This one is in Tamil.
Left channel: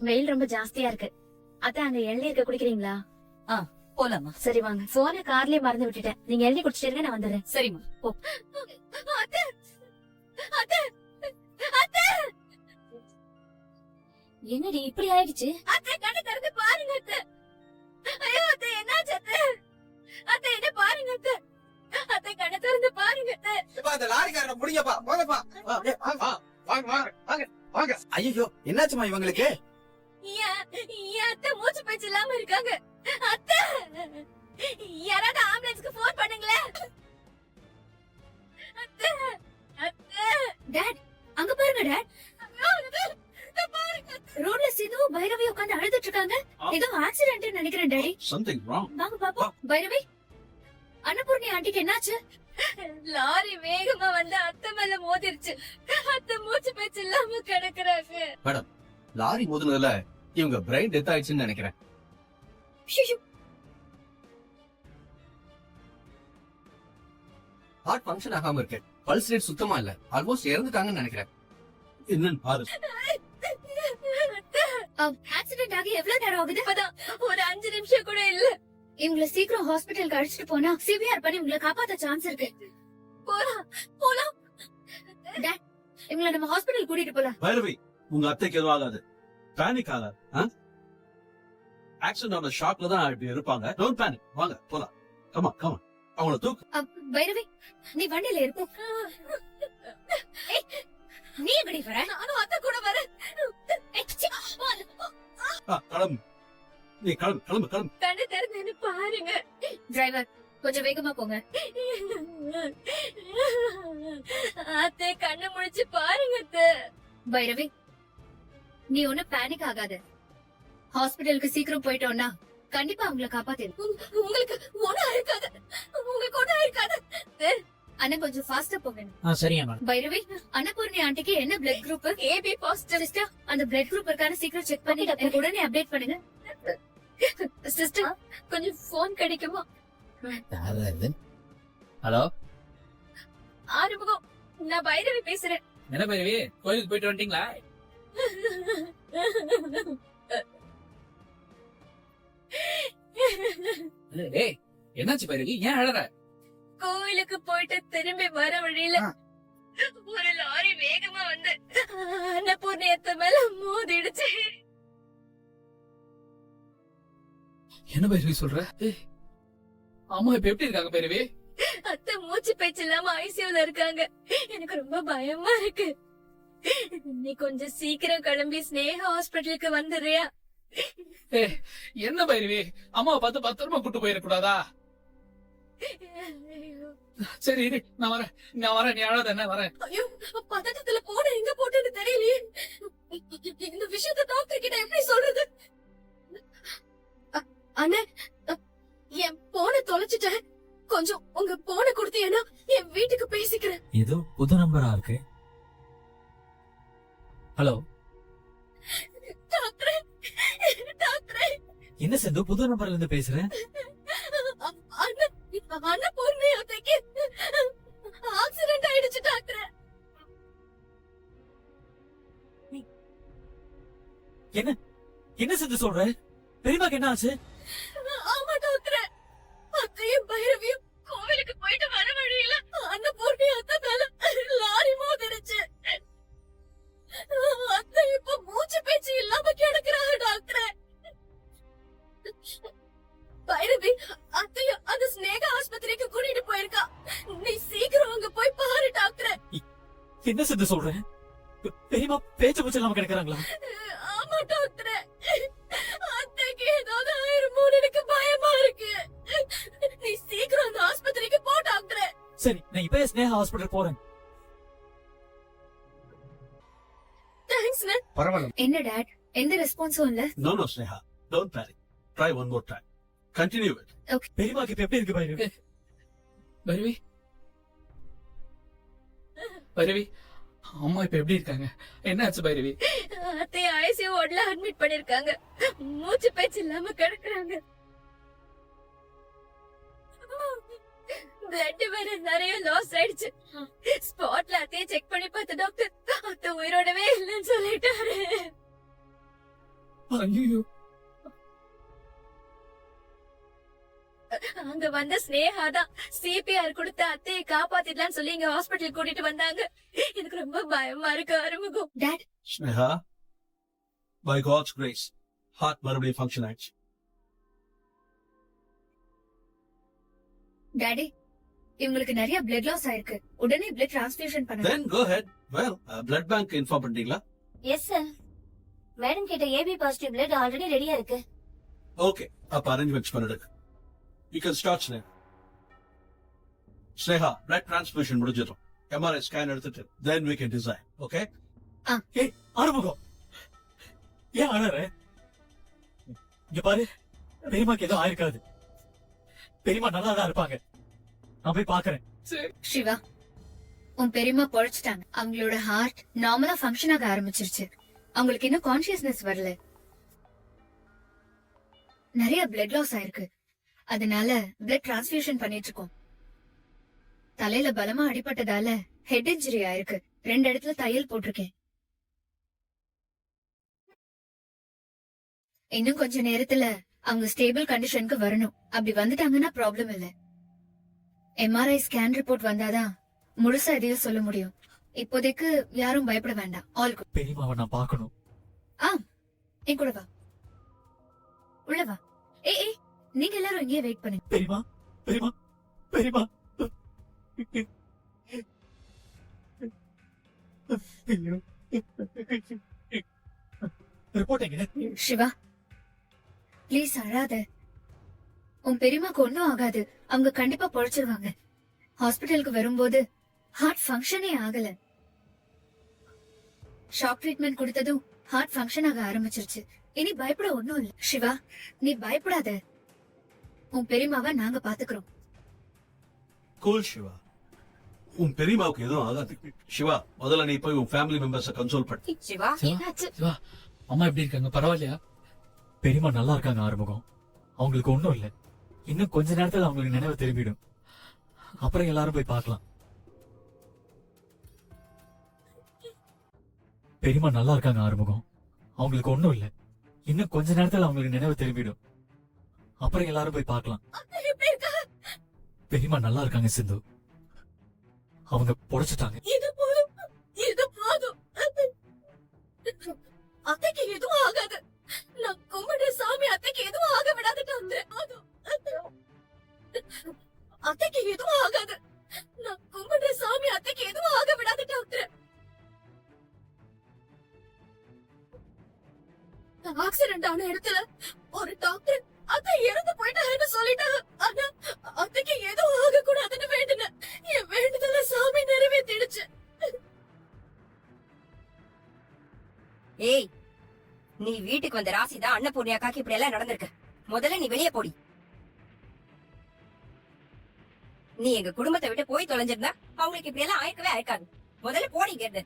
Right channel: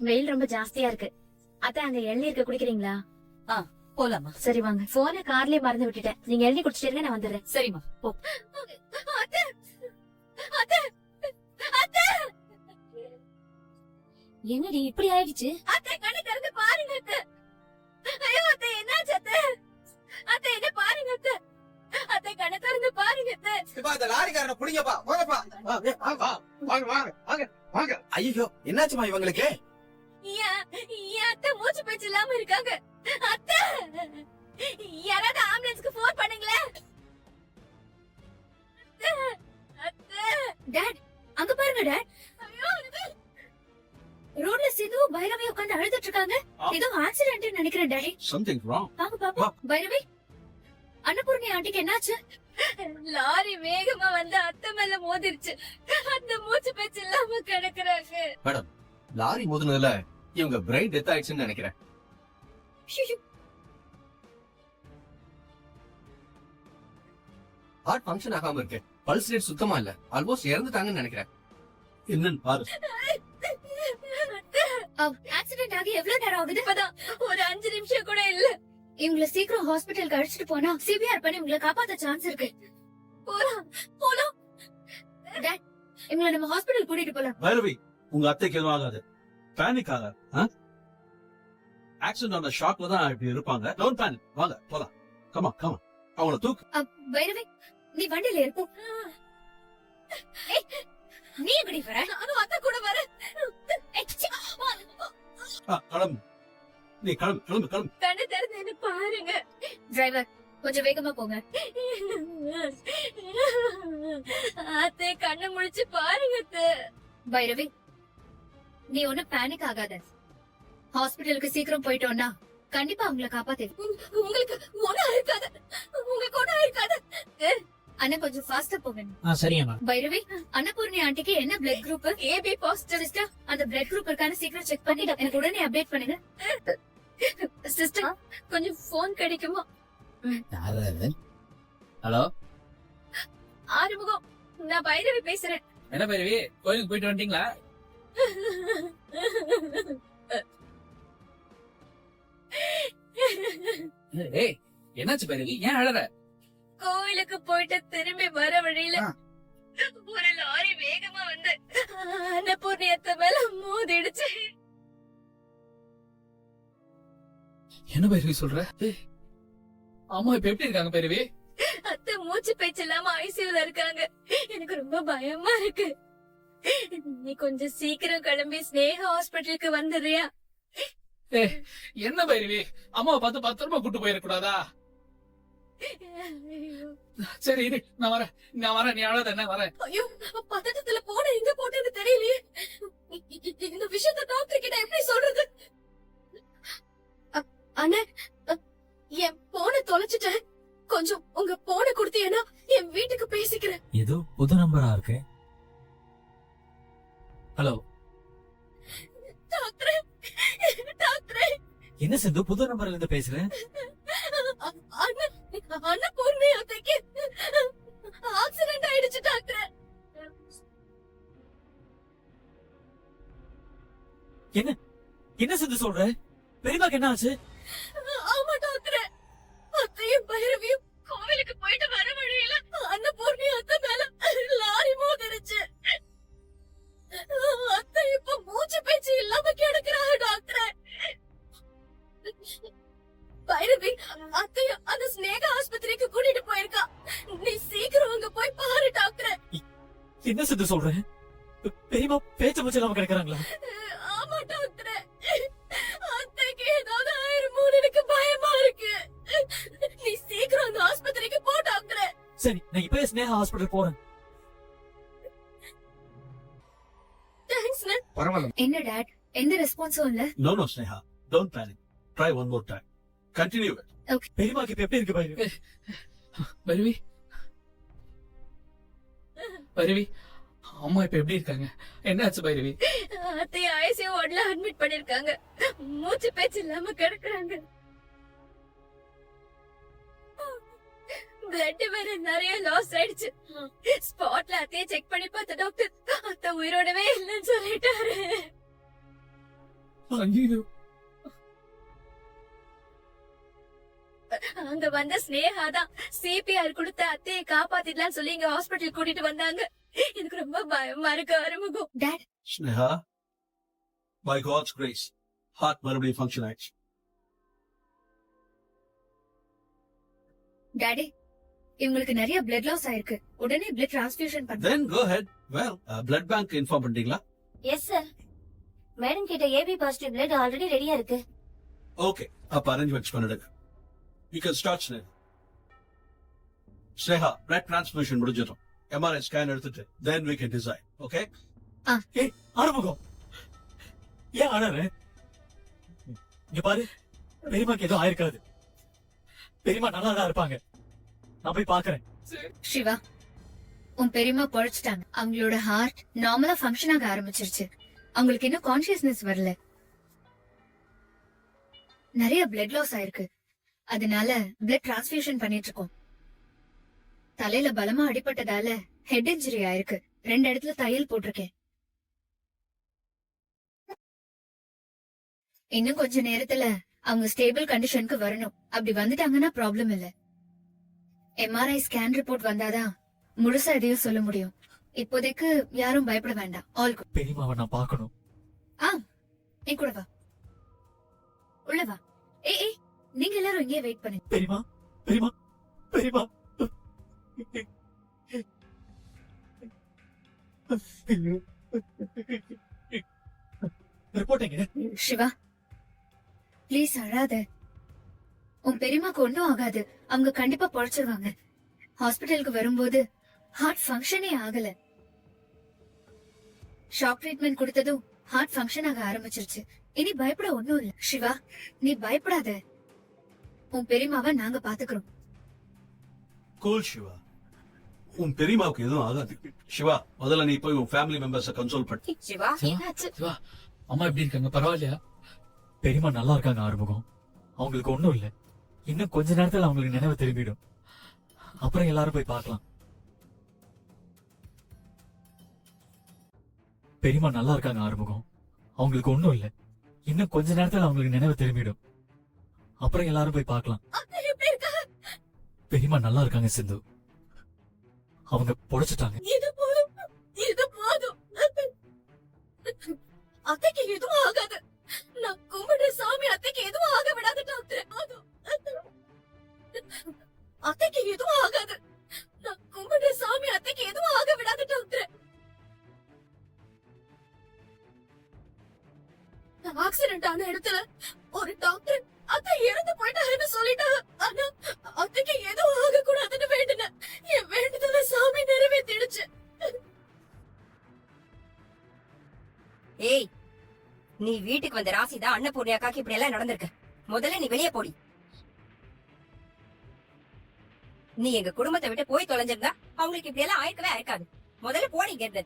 வெயில் ரொம்ப ஜாஸ்தியா இருக்கு. அதான் அங்க இளநீர் குடிக்கிறீங்களா? போலாமா? சரி வாங்க. போன கார்லயே மறந்து விட்டுட்டேன். நீங்க இளநீர் குடிச்சிட்டு நான் வந்துடுறேன். சரிம்மா போ. என்னடி இப்படி ஆயிடுச்சு? அத்தை கண்ணு திறந்து பாருங்க அத்தை. ஐயோ அத்தை என்னாச்சு அத்தை? அத்தை என்ன பாருங்க அத்தை. அத்தை கண்ணு திறந்து பாருங்க அத்தை. இப்ப அந்த லாரிக்காரனை புடிங்கப்பா, போங்கப்பா. வாங்க. ஐயோ, என்னாச்சுமா இவங்களுக்கு? ஏன் அத்தை மூச்சு பேச்சு இல்லாம இருக்காங்க? அத்தை யாராவது ஆம்புலன்ஸ்க்கு போன் பண்ணுங்களேன். அத்தை அத்தை. டாட் அங்க பாருங்க டாட். ஐயோ அத்தை பாருங்க. ரோட்ல சிந்து பைரவி உட்கார்ந்து அழுதுட்டு இருக்காங்க. ஏதோ ஆக்சிடென்ட் நினைக்கிறேன் டாடி. Something wrong. வாங்க பாப்போம். பைரவி அன்னபூர்ணி ஆண்டிக்கு என்னாச்சு? லாரி வேகமா வந்து அத்தை மேல மோதிருச்சு. அத்தை மூச்சு பேச்சு இல்லாம கிடக்குறாங்க. லாரி மோதுனதுல இவங்க பிரைன் டெத் ஆயிடுச்சுன்னு நினைக்கிறேன். ஹார்ட் ஃபங்க்ஷன் ஆகாம இருக்கு. பல்ஸ் ரேட் சுத்தமா இல்ல. ஆல்மோஸ்ட் இறந்துட்டாங்கன்னு நினைக்கிறேன். என்னன்னு பாரு. ஆக்சிடென்ட் ஆகி எவ்வளவு நேரம் ஆகுது? இப்பதான் ஒரு 5 நிமிஷம் கூட இல்ல. இவங்கள சீக்கிரம் ஹாஸ்பிட்டலுக்கு அழைச்சிட்டு போனா சிவிஆர் பண்ணி இவங்கள காப்பாத்த சான்ஸ் இருக்கு. போலாம். டாட் இவங்கள நம்ம ஹாஸ்பிட்டல் கூட்டிட்டு போலாம். பைரவி, உங்க அத்தைக்கு எதுவும் ஆகாது. பேனிக் ஆகாது. ஆக்சிடென்ட் ஆன ஷாக்ல தான் இப்படி இருப்பாங்க. Don't panic. வாங்க போலாம். கமா அவங்கள தூக்கு. பைரவி நீ வண்டியில இருப்ப. நீ எப்படி வர? நானும் அத்தை கூட வரேன். கிளம்பு. நீ கிளம்பு. கண்ணு திறந்து பாருங்க. டிரைவர் கொஞ்சம் வேகமா போங்க. அத்தை கண்ணு முழிச்சு பாருங்க அத்தை. பைரவி நீ ஒண்ணு பேனிக் ஆகாத. ஹாஸ்பிட்டலுக்கு சீக்கிரம் போயிட்டோம்னா கண்டிப்பா அவங்கள காப்பாத்திடும். உங்களுக்கு ஒண்ணும் இருக்காது. அண்ணா கொஞ்சம் ஃபாஸ்டா போங்க. சரியா பைரவி அன்னபூர்ணி ஆண்டிக்கு என்ன blood group? AB positive. Sister அந்த பிளட் குரூப் இருக்கான்னு சீக்கிரம் செக் பண்ணி எனக்கு உடனே அப்டேட் பண்ணுங்க. சிஸ்டர் கொஞ்சம் போன் கிடைக்குமா? ஹலோ ஆறுமுகம் நான் பைரவி பேசுறேன். என்ன பைரவி, கோயிலுக்கு போயிட்டு வந்துட்டீங்களா? ஏய் என்னாச்சு பைரவி, ஏன் அழற? கோயிலுக்கு போயிட்டு திரும்பி வர வழியில ஒரு லாரி வேகமா வந்து அன்னபூர்ணி அத்தை மேல மோதிடுச்சு. என்ன பைரவி சொல்ற? அம்மா இப்ப எப்படி இருக்காங்க பைரவி? அத்தை மூச்சு பேச்சு இல்லாம ஐசியூல இருக்காங்க. எனக்கு ரொம்ப பயமா இருக்கு. நீ கொஞ்சம் சீக்கிரம் கிளம்பி ஸ்னேகா ஹாஸ்பிட்டலுக்கு வந்துடுறியா? என்ன பைரவி, அம்மாவை பார்த்து பத்திரமா கூட்டு போயிடக்கூடாதா? சரி இரு, நான் வரேன். நீ அழாத, என்ன வரேன். ஐயோ பதட்டத்துல போன எங்க போட்டேன்னு தெரியலையே. இந்த விஷயத்த டாக்டர் கிட்ட எப்படி சொல்றது? அண்ணே என் போனை தொலைச்சிட்டேன். கொஞ்சம் உங்க போனை கொடுத்தீங்கன்னா என் வீட்டுக்கு பேசிக்கிறேன். ஏதோ புது நம்பரா இருக்கு. ஹலோ டாக்டர் என்ன சிந்து, புது நம்பர்ல இருந்து பேசுறேன். அன்னபூர்ணி அத்தைக்கு ஆக்சிடென்ட் ஆயிடுச்சு டாக்டர். என்ன சிந்து சொல்ற? பெரியமாக்கு என்ன ஆச்சு? ஆமா டாக்டர், அத்தையும் பைரவியும் கோவிலுக்கு போயிட்டு வர வழியில அன்னபூர்ணி அத்தை மேல லாரி மோதிருச்சு. அத்தை இப்ப மூச்சு பேச்சு இல்லாம கிடக்குறாங்க டாக்டர். பைரவி அத்தையும் அந்த ஸ்னேகா ஆஸ்பத்திரிக்கு கூட்டிட்டு போயிருக்கா. நீ சீக்கிரம் அங்க போய் பாரு டாக்டர். என்ன சிந்து சொல்ற? பெரியமா பேச்சு மூச்சு இல்லாம கிடக்குறாங்களா? ஆமா டாக்டர், அத்தைக்கு ஏதாவது ஆயிருமோன்னு எனக்கு பயமா இருக்கு. நீ சீக்கிரம் அந்த ஆஸ்பத்திரிக்கு போ டாக்டர். சரி, நான் இப்பவே ஸ்னேகா ஹாஸ்பிடல் போறேன். Thanks ma'am. பரவாயில்ல. என்ன டாட், எந்த ரெஸ்பான்ஸும் இல்ல? No, Sneha. Don't panic. Try one more time. Continue it. பெரியமாக்கு இப்ப எப்படி இருக்கு பைரவி? பைரவி அம்மா இப்ப எப்படி இருக்காங்க? என்னாச்சு பைரவி? அத்தை ஐசியூ வார்டுல அட்மிட் பண்ணிருக்காங்க. மூச்சு பேச்சு இல்லாம கிடக்குறாங்க. பிளட் வேற நிறைய லாஸ் ஆயிடுச்சு. ஸ்பாட்ல அத்தைய செக் பண்ணி பார்த்த டாக்டர் அத்தை உயிரோடவே இல்லைன்னு சொல்லிட்டாரு. ஐயோ அங்க வந்த ஸ்னேகா தான் சிபிஆர் கொடுத்த அத்தையை காப்பாத்திடலாம்னு சொல்லி இங்க ஹாஸ்பிட்டல் கூட்டிட்டு வந்தாங்க. எனக்கு ரொம்ப பயமா இருக்கு Arumugam. Dad, Sneha, by God's grace, heart மறுபடியும் ஃபங்க்ஷன் ஆயிடுச்சு. டாடி, இவங்களுக்கு நிறைய பிளட் லாஸ் ஆயிருக்கு. உடனே பிளட் டிரான்ஸ்ஃபியூஷன் பண்ணுங்க. Then go ahead. Well, blood bank inform பண்ணிட்டீங்களா? Yes sir. மேடம் கிட்ட ஏபி பாசிட்டிவ் பிளட் ஆல்ரெடி ரெடியா இருக்கு. Okay, அப்ப அரேஞ்ச்மெண்ட்ஸ் பண்ணிடுங்க. You can start, Sneha. Sneha, blood transfusion முடிஞ்சிடும். MRI scan எடுத்துட்டு then we can decide. Okay? ஏய் ஆறுமுகம், ஏன் அழற? இங்க பாரு, பெரியமாக்கு எதுவும் ஆயிருக்காது. பெரியமா நல்லா தான் இருப்பாங்க. நான் போய் பாக்குறேன். சிவா, உன் பெரியம்மா பொழைச்சிட்டாங்க. அவங்களோட ஹார்ட் நார்மலா ஃபங்க்ஷன் ஆக ஆரம்பிச்சிருச்சு. அவங்களுக்கு இன்னும் கான்சியஸ்னஸ் வரல. நிறைய பிளட் லாஸ் ஆயிருக்கு. அதனால பிளட் டிரான்ஸ்ஃபியூஷன் பண்ணிட்டு இருக்கோம். தலையில பலமா அடிபட்டதால ஹெட் இன்ஜுரி ஆயிருக்கு. 2 இடத்துல தையல் போட்டிருக்கேன். இன்னும் கொஞ்ச நேரத்துல அவங்க ஸ்டேபிள் கண்டிஷனுக்கு வரணும். அப்படி வந்துட்டாங்கன்னா ப்ராப்ளம் இல்ல. எம்ஆர்ஐ ஸ்கேன் ரிப்போர்ட் வந்தாதான் முழுசா எதையும் சொல்ல முடியும். இப்போதைக்கு யாரும் பயப்பட வேண்டாம். All good. பெரியமாவை நான் பார்க்கணும். என் கூட வா, உள்ள வா. ஏய், நீங்க எல்லாரும் இங்கே வெயிட் பண்ணுங்க. பெரியமா, பெரியமா, பெரியமா. ஐயோ. ரிப்போர்ட் எங்க? சிவா, ப்ளீஸ் அழாத. உன் பெரியமாக்கு ஒண்ணும் ஆகாது. அவங்க கண்டிப்பா பொழைச்சிருவாங்க. ஹாஸ்பிட்டலுக்கு வரும்போது ஹார்ட் ஃபங்க்ஷனே ஆகல. ஷாக் ட்ரீட்மெண்ட் கொடுத்ததும் ஹார்ட் ஃபங்க்ஷன் ஆக ஆரம்பிச்சிருச்சு. இனி பயப்பட ஒண்ணும் இல்ல. சிவா, நீ பயப்படாத. உன் பெரியமாவை நாங்க பாத்துக்கிறோம். Cool, Shiva. உன் பெரியமாவுக்கு எதுவும் ஆகாது. சிவா, முதல்ல நீ போய் உன் ஃபேமிலி மெம்பர்ஸ கன்சோல் பண்ணு. சிவா, சிவா, அம்மா எப்படி இருக்காங்க? பரவாயில்லையா? பெரியமா நல்லா இருக்காங்க ஆறுமுகம். அவங்களுக்கு ஒண்ணும் இல்ல. இன்னும் கொஞ்ச நேரத்துல அவங்களுக்கு நினைவு திரும்பிடும். அப்புறம் எல்லாரும் போய் பார்க்கலாம். பெரியமா நல்லா இருக்காங்க ஆறுமுகம். அவங்களுக்கு ஒண்ணும் இல்ல. இன்னும் கொஞ்ச நேரத்துல அவங்களுக்கு நினைவு திரும்பிடும். அப்புறம் எல்லாரும் போய் பார்க்கலாம். பெரியமா நல்லா இருக்காங்க சிந்து. அவங்க பொழைச்சிட்டாங்க. இது போதும், இது போதும். அத்தைக்கு எதுவும் ஆகாது. நான் கும்பிடுற சாமி அத்தைக்கு எதுவும் ஆக விடாது டாக்டர். அத்தைக்கு எதுவும் ஆகாது. நான் கும்பிடுற சாமி அத்தைக்கு எதுவும் ஆக விடாது டாக்டர். ஆக்சிடென்ட் ஆன இடத்துல ஒரு டாக்டர் அத்தை இறந்து போயிட்டாங்கன்னு சொல்லிட்டாங்க. ஆனா அத்தைக்கு எதுவும் ஆக கூடாதுன்னு வேண்டினேன். என் வேண்டுதல சாமி நிறைவேற்றிடுச்சு. ஏய், நீ வீட்டுக்கு வந்த ராசிதான் அன்னபூர்ணியாக்காக்கு இப்படி எல்லாம் நடந்திருக்கு. முதல்ல நீ வெளியே போடி. நீ எங்க குடும்பத்தை விட்டு போய் தொலைஞ்சிருந்தா அவங்களுக்கு இப்படி எல்லாம் ஆயிருக்கவே ஆயிருக்காது. முதல்ல போடி இங்க இருந்து.